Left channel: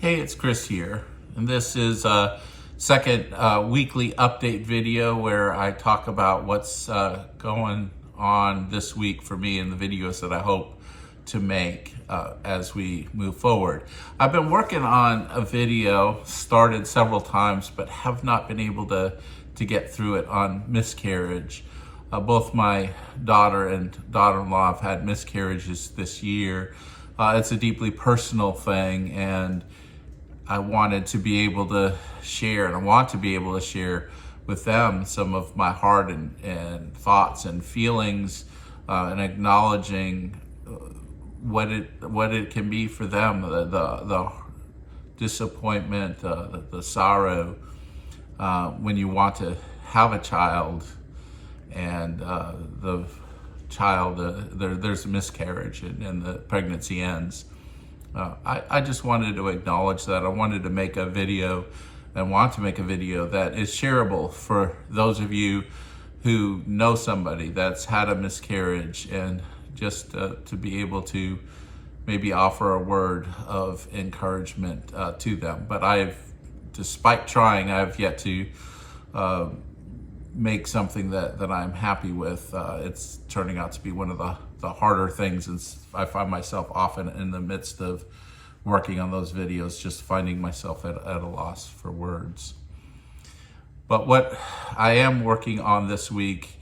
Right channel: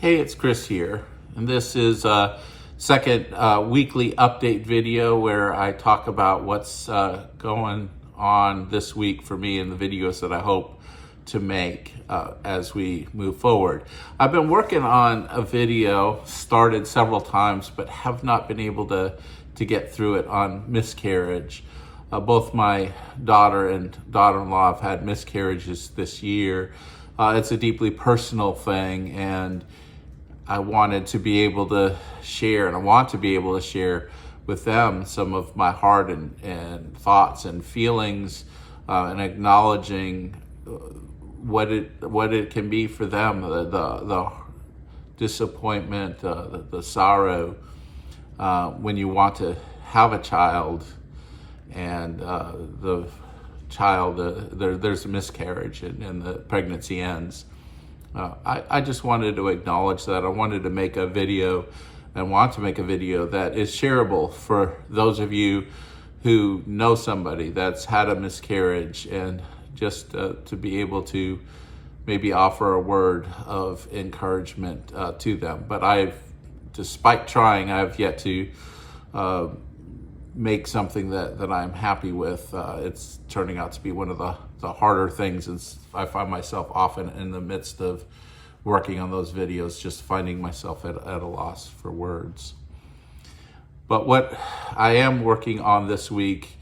Hey, it's Chris here, and this is a second weekly update video where I talk about what's going on this week for me and the videos that I hope to make as we move forward. I've been working on a video, started several times, but have not been able to get through it on miscarriage. Both my daughter and daughter-in-law have had miscarriages this year. It's a deeply personal thing, and I wanted to be able to share, and I want to be able to share with them some of my heart and thoughts and feelings, and acknowledging what it can be for them, the disappointment, the sorrow when you want to have a child and the child there's a miscarriage and the pregnancy ends. I just wanted to acknowledge that. I wanted to make a video and want to make a video that is shareable for those of you who know somebody that's had a miscarriage, and just to be able to maybe offer a word of encouragement to them. But despite trying, I've yet to make something that I'm happy with. It's turning out to be one of the harder things, and I find myself often in the midst of working on those videos just finding myself at a loss for words. But what I am working on this week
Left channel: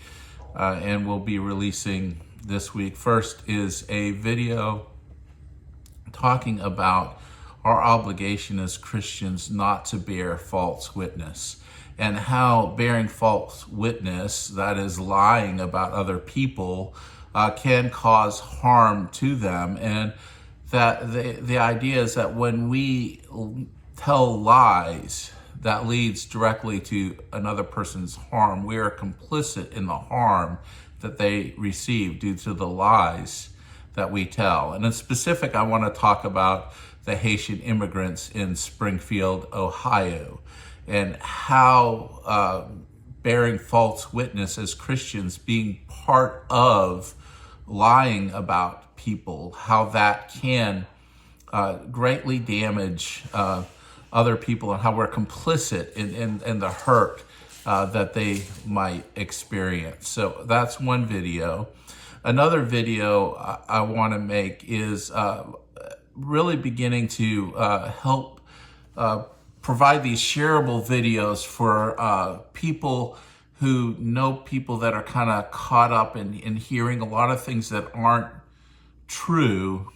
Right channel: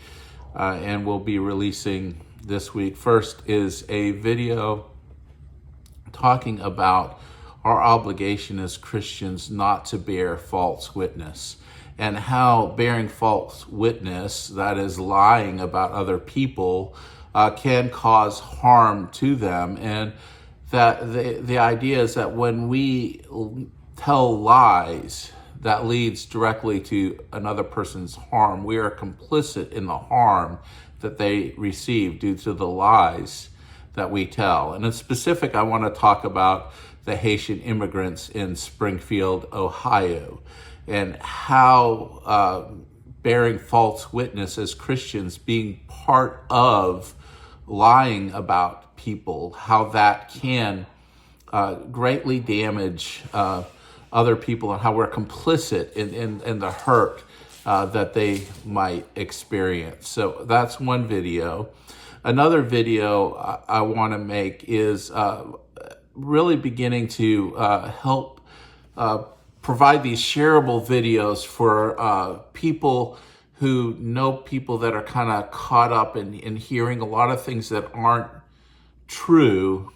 and will be releasing this week first is a video talking about our obligation as Christians not to bear false witness, and how bearing false witness, that is lying about other people, can cause harm to them. And that the idea is that when we tell lies that leads directly to another person's harm, we are complicit in the harm that they receive due to the lies that we tell. And in specific, I want to talk about the Haitian immigrants in Springfield, Ohio, and how bearing false witness as Christians, being part of lying about people, how that can greatly damage other people, and how we're complicit in the hurt that they might experience. So that's one video. Another video I want to make is really beginning to help provide these shareable videos for people who know people that are kind of caught up in hearing a lot of things that aren't true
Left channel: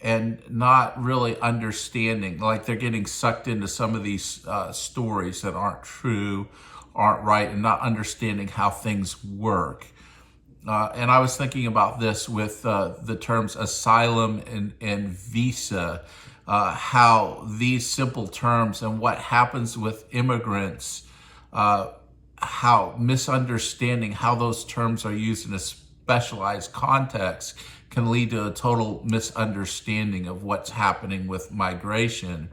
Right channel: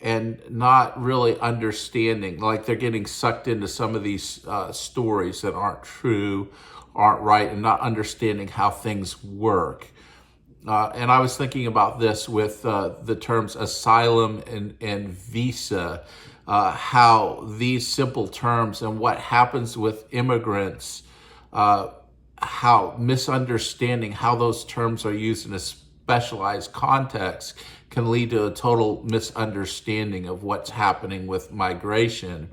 and not really understanding, like they're getting sucked into some of these stories that aren't true, aren't right, and not understanding how things work. And I was thinking about this with the terms asylum and visa, how these simple terms and what happens with immigrants, how misunderstanding how those terms are used in a specialized context can lead to a total misunderstanding of what's happening with migration.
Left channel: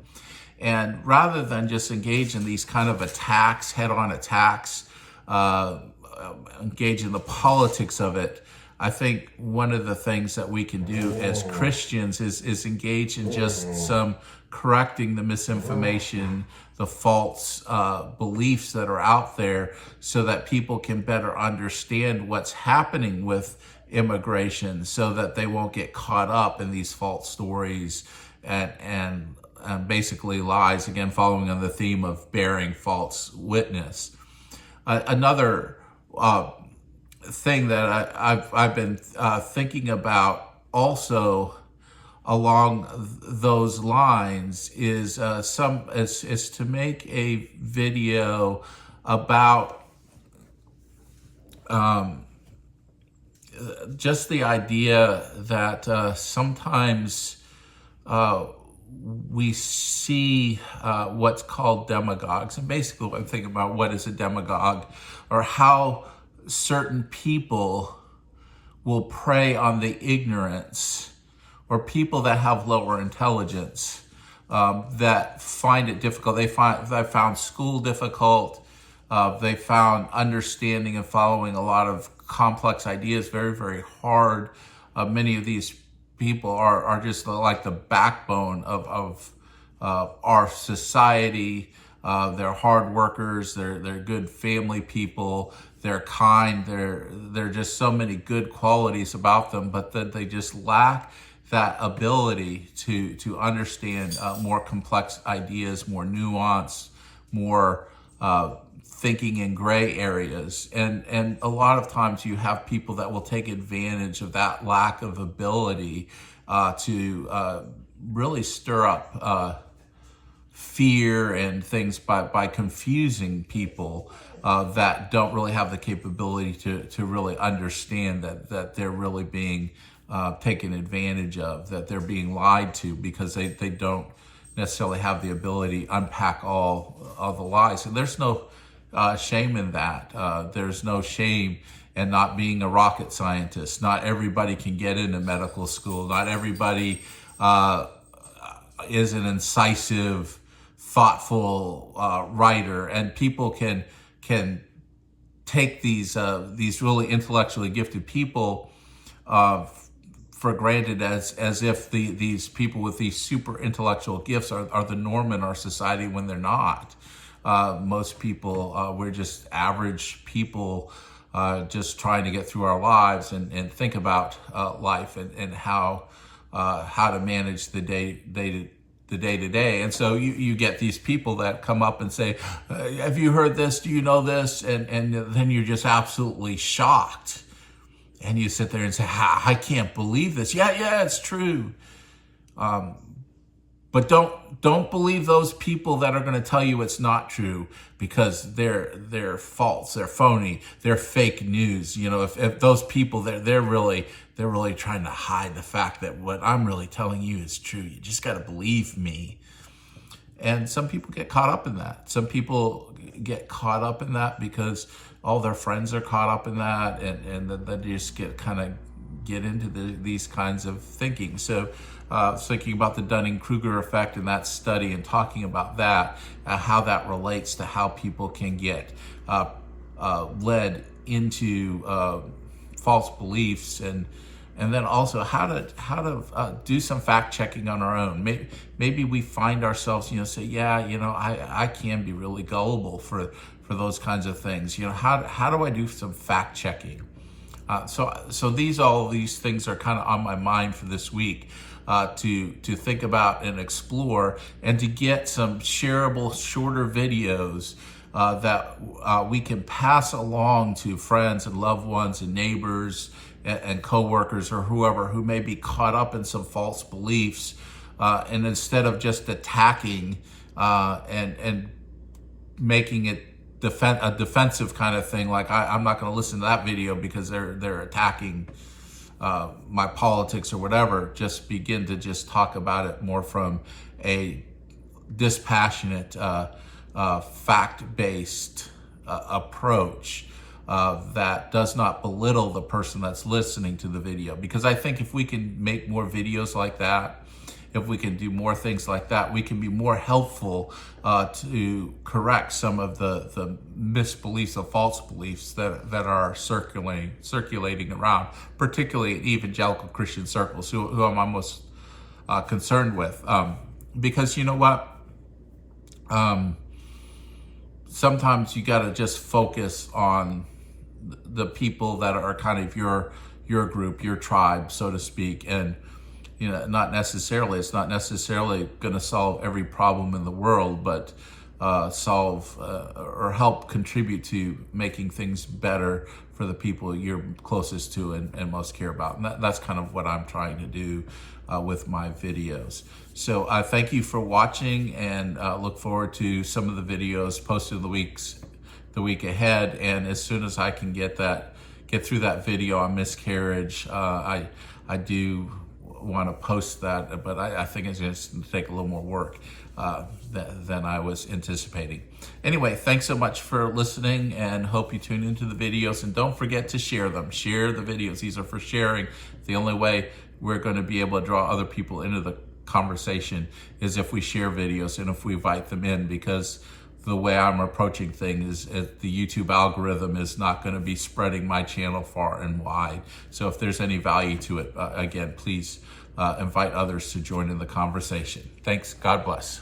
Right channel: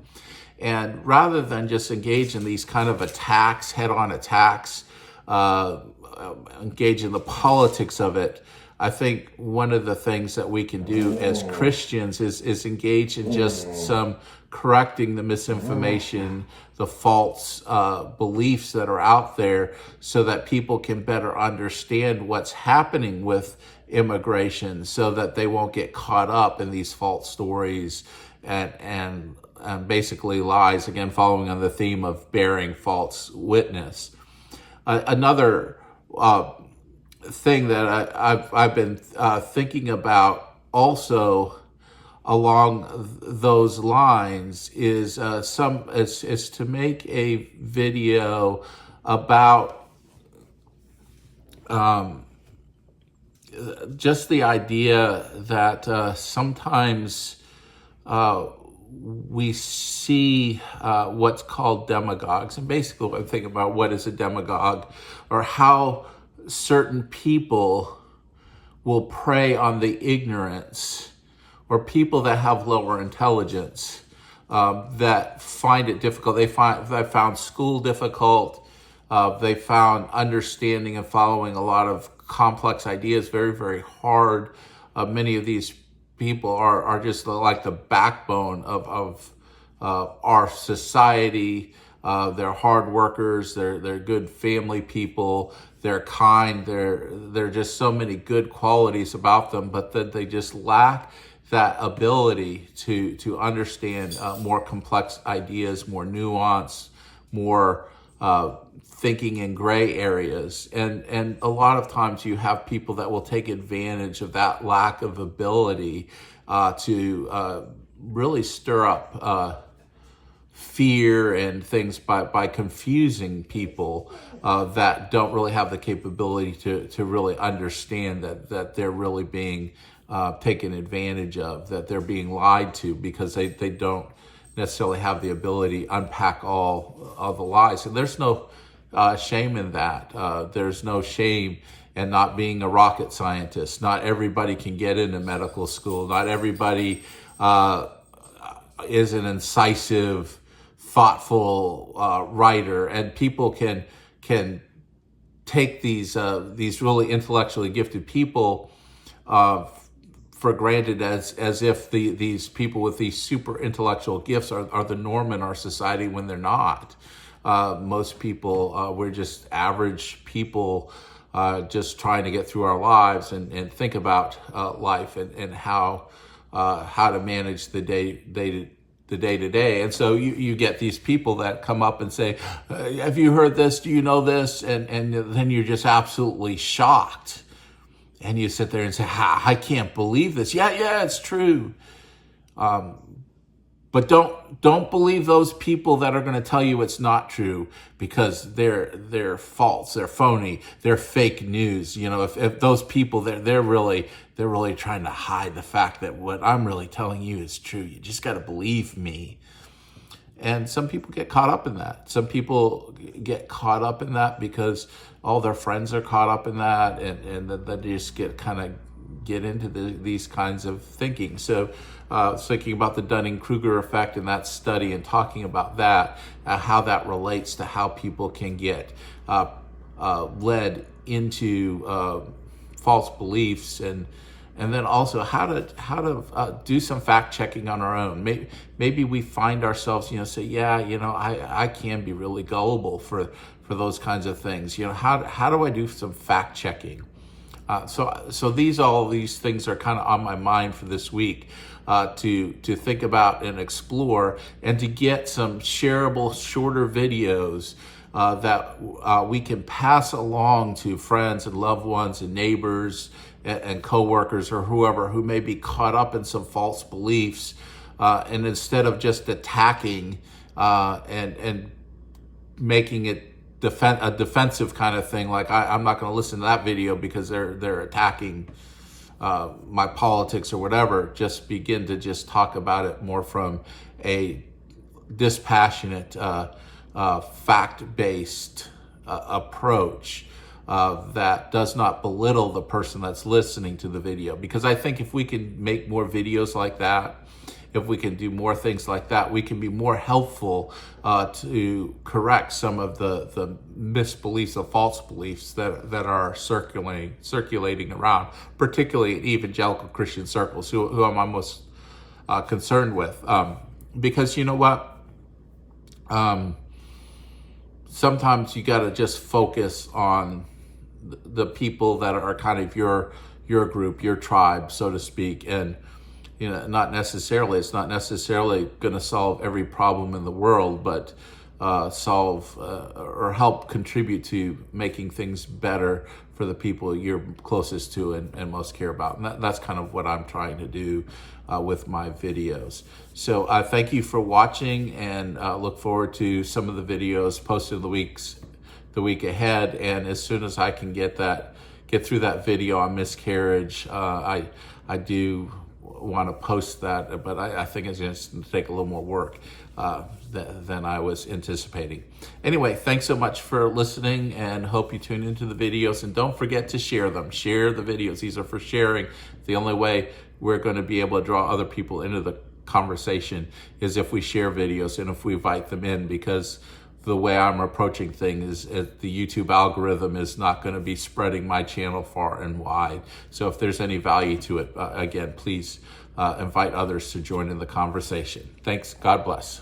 And rather than just engage in these kind of attacks, head-on attacks, engage in the politics of it, I think one of the things that we can do as Christians is engage in just some correcting the misinformation, the false beliefs that are out there, so that people can better understand what's happening with immigration, so that they won't get caught up in these false stories and basically lies, again, following on the theme of bearing false witness. Another thing that I've been thinking about also along those lines is to make a video about just the idea that sometimes we see what's called demagogues. And basically I'm thinking about what is a demagogue, or how certain people will prey on the ignorance, or people that have lower intelligence that find it difficult. They found school difficult. They found understanding and following a lot of complex ideas very, very hard. Many of these people are just like the backbone of our society. They're hard workers. They're good family people. They're kind. They're just so many good qualities about them, but then they just lack that ability to understand more complex ideas, more nuance, more thinking in gray areas. And a lot of times you have people that will take advantage of that lack of ability to really stir up fear and things by confusing people that don't really have the capability to really understand that they're really being taken advantage of, that they're being lied to, because they don't necessarily have the ability to unpack all of the lies. And there's no shame in that. There's no shame in not being a rocket scientist. Not everybody can get into medical school. Not everybody is an incisive, thoughtful writer, and people can take these really intellectually gifted people for granted as if these people with these super intellectual gifts are the norm in our society, when they're not. Most people, we're just average people, just trying to get through our lives and think about life and how to manage the day-to-day. And so you get these people that come up and say, have you heard this? Do you know this? And then you're just absolutely shocked. And you sit there and say, I can't believe this. Yeah, it's true. But don't believe those people that are going to tell you it's not true, because they're false, they're phony, they're fake news. You know, if those people, they're really trying to hide the fact that what I'm really telling you is true. You just got to believe me. And some people get caught up in that. Some people get caught up in that because all their friends are caught up in that, and then they just get into these kinds of thinking. So thinking about the Dunning-Kruger effect and that study, and talking about that, how that relates to how people can get led into false beliefs, and then also how to do some fact checking on our own. Maybe we find ourselves, say, I can be really gullible for those kinds of things. How do I do some fact checking? So all these things are kind of on my mind for this week, to think about and explore, and to get some shareable, shorter videos that we can pass along to friends and loved ones and neighbors and coworkers or whoever who may be caught up in some false beliefs, and instead of just attacking and making it a defensive kind of thing, like I'm not going to listen to that video because they're attacking my politics or whatever, just begin to just talk about it more from a dispassionate, fact-based approach that does not belittle the person that's listening to the video. Because I think if we can make more videos like that, if we can do more things like that, we can be more helpful to correct some of the misbeliefs, the false beliefs that are circulating around, particularly in evangelical Christian circles, who I'm most concerned with. Because you know what? Sometimes you got to just focus on the people that are kind of your group, your tribe, so to speak, and it's not necessarily going to solve every problem in the world, but solve or help contribute to making things better for the people you're closest to and most care about. And that's kind of what I'm trying to do with my videos. So thank you for watching, and look forward to some of the videos posted the week ahead. And as soon as I can get through that video on miscarriage, I do want to post that, but I think it's going to take a little more work than I was anticipating. Anyway, thanks so much for listening, and hope you tune into the videos, and don't forget to share them. Share the videos. These are for sharing. The only way we're going to be able to draw other people into the conversation is if we share videos and if we invite them in, because the way I'm approaching things is the YouTube algorithm is not going to be spreading my channel far and wide. So if there's any value to it, again, please invite others to join in the conversation. Thanks. God bless.